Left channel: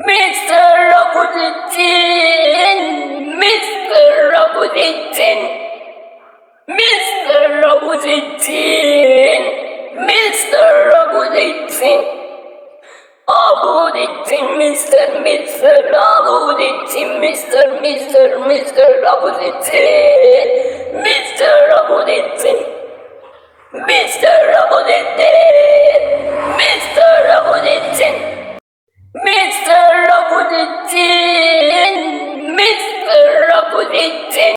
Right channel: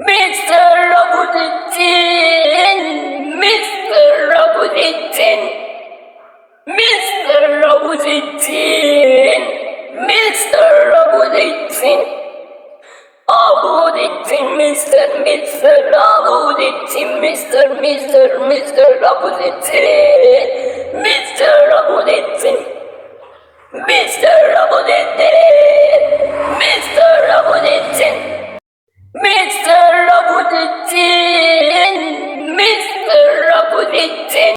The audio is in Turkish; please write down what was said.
Mr. Raputin, Mr. Raputin, Mr. Raputin, Mr. Raputin, Raputin, Mr. Raputin, Mr. Raputin, Mr. Raputin, Mr. Raputin.